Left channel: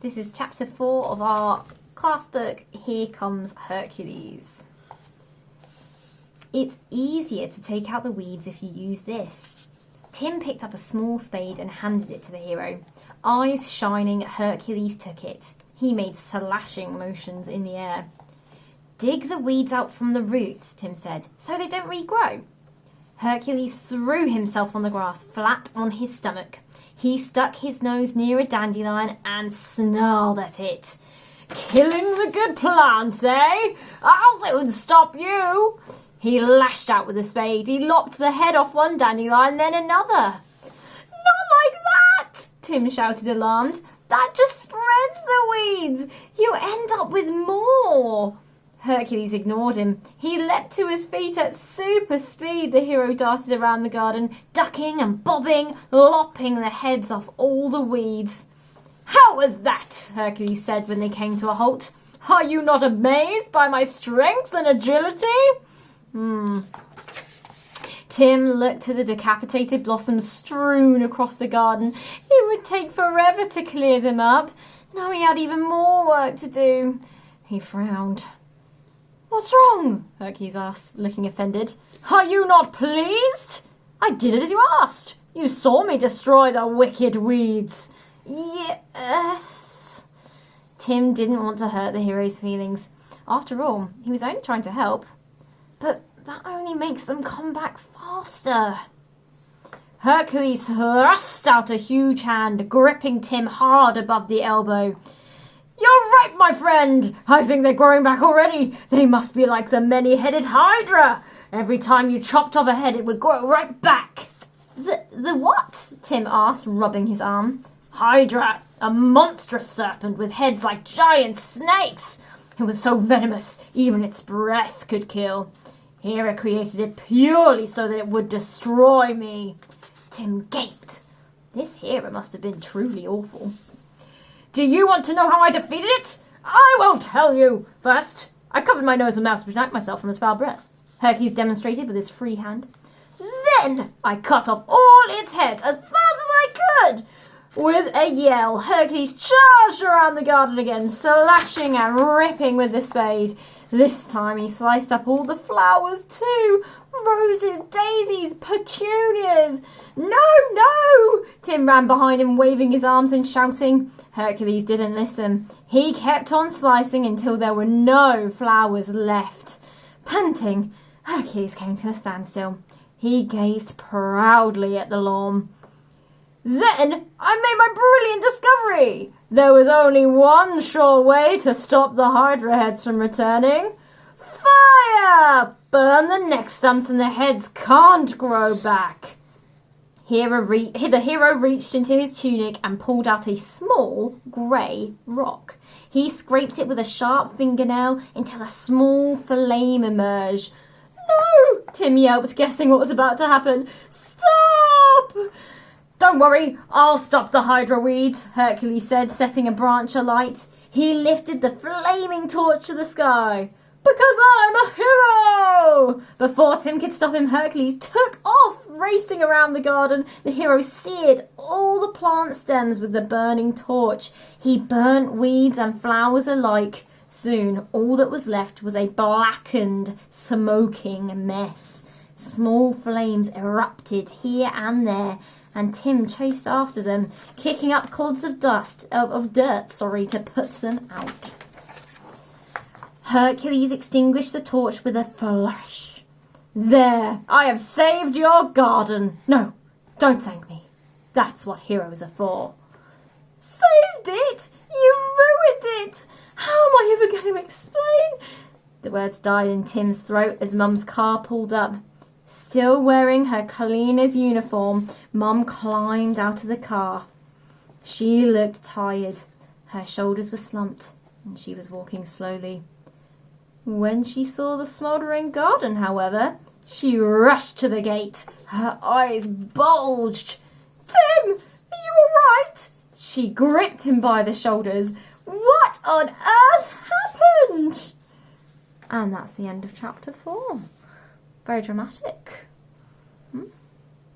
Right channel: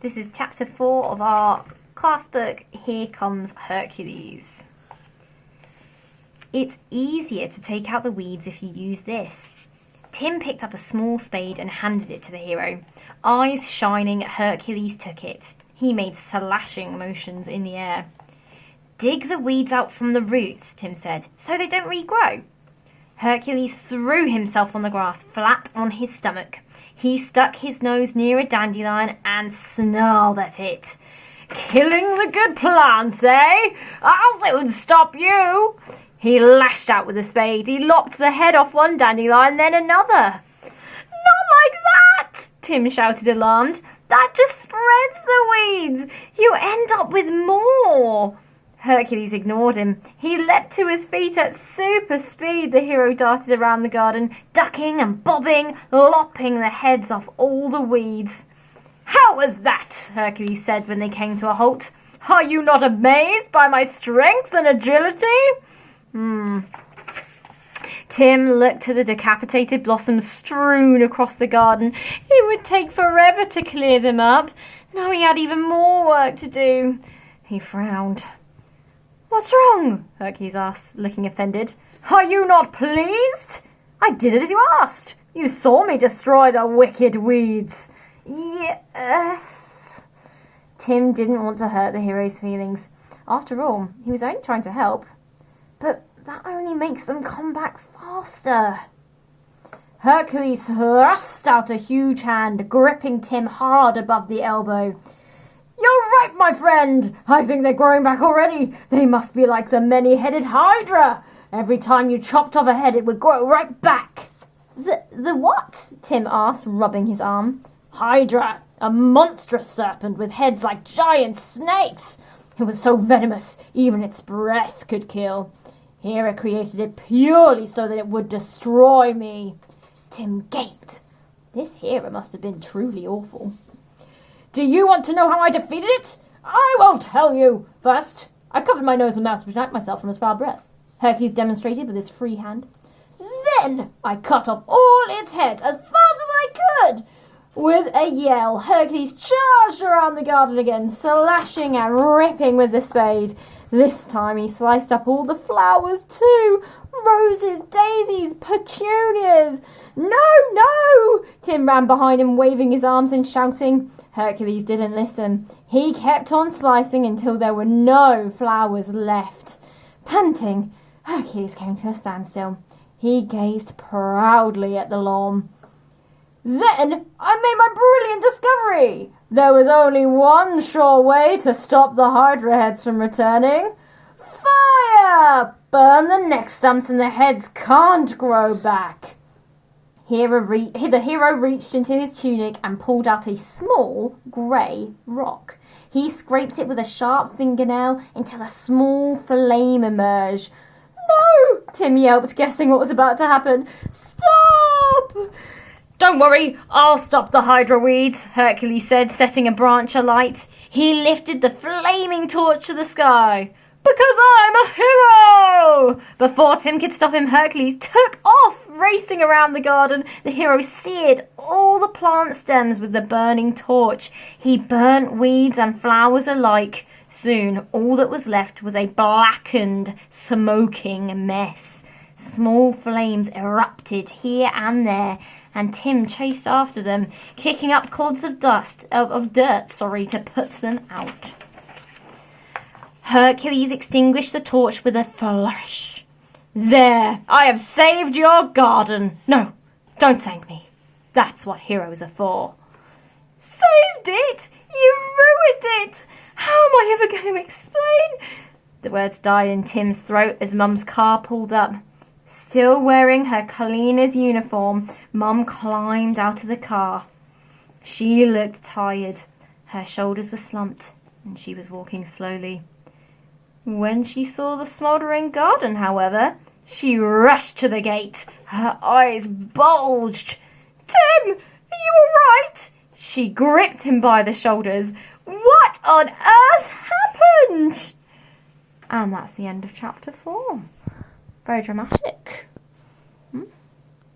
This is chapter 4 of our class book, Here Comes Hercules. It's easier to take out the weeds if you use this. Tim picked up a small spade and handed it to the hero. Eyes shining, Hercules took it. He made slashing motions in the air. Dig the weeds out from the roots, Tim said, so they don't regrow. Hercules threw himself on the grass, flat on his stomach. He stuck his nose near a dandelion and snarled at it. Killing the good plants, eh? I'll soon stop you. He lashed out with a spade. He lopped the head off one dandelion, then another. Not like that, Tim shouted, alarmed. That just spreads the weeds. You end up with more. Hercules ignored him. He leapt to his feet at super speed. The hero darted around the garden, ducking and bobbing, lopping the heads off all the weeds. How was that? Hercules said when they came to a halt. Are you not amazed by my strength and agility? Tim looked to the decapitated blossoms strewn across the garden. It would take forever to clear them up. Now he had even more work to do. He frowned. What's wrong? Hercules asked, looking offended. Are you not pleased? I did it as you asked. You saw me destroy the wicked weeds. Yes. Tim didn't want to hurt the hero's feelings. After all, he was only trying to help. But that only makes them come back faster. Hercules thrust out a huge hand, gripping Tim hard above the elbow. You're right, my friend. I think they're growing back already. They must be like the many-headed hydra. Every time you chopped off a head, it would grow right back. The what? Tim asked, rubbing his arm. Hydra, a monstrous serpent with heads like giant snakes. It was so venomous, even its breath could kill. Hera created it purely so that it would destroy me. Tim gaped. This Hera must have been truly awful. Do you want to know how I defeated it? I will tell you. First, I covered my nose and mouth to protect myself from its foul breath. Hercules demonstrated with his free hand. Then I cut off all its heads as fast as I could. With a yell, Hercules charged around the garden again, slashing and ripping with the spade. This time he sliced up all the flowers too. Roses, daisies, petunias. No! Tim ran behind him, waving his arms and shouting. Hercules didn't listen. He kept on slicing until there were no flowers left. Panting, Hercules came to a standstill. He gazed proudly at the lawn. Then I made my brilliant discovery. There was only one sure way to stop the hydra heads from returning. Fire! Burn the neck stumps and the heads can't grow back. The hero reached into his tunic and pulled out a small grey rock. He scraped it with a sharp fingernail until a small flame emerged. No! Tim yelped, guessing what was about to happen. Stop! Don't worry, I'll stop the hydra weeds, Hercules said, setting a branch alight. He lifted the flaming torch to the sky. Because I'm a hero! Before Tim could stop him, Hercules took off, racing around the garden. The hero seared all the plant stems with the burning torch. He burnt weeds and flowers alike. Soon, all that was left was a blackened, smoking mess. Small flames erupted here and there, and Tim chased after them, kicking up clods of dirt to put them out. Hercules extinguished the torch with a flourish. There, I have saved your garden. No, don't thank me. That's what heroes are for. Saved it? You ruined it. How am I ever going to explain? The words died in Tim's throat as Mum's car pulled up. Still wearing her cleaner's uniform, Mum climbed out of the car. She looked tired. Her shoulders were slumped, and she was walking slowly. When she saw the smouldering garden, however, she rushed to the gate. Her eyes bulged. Tim, are you all right? She gripped him by the shoulders. What on earth happened? And that's the end of chapter 4. Very dramatic.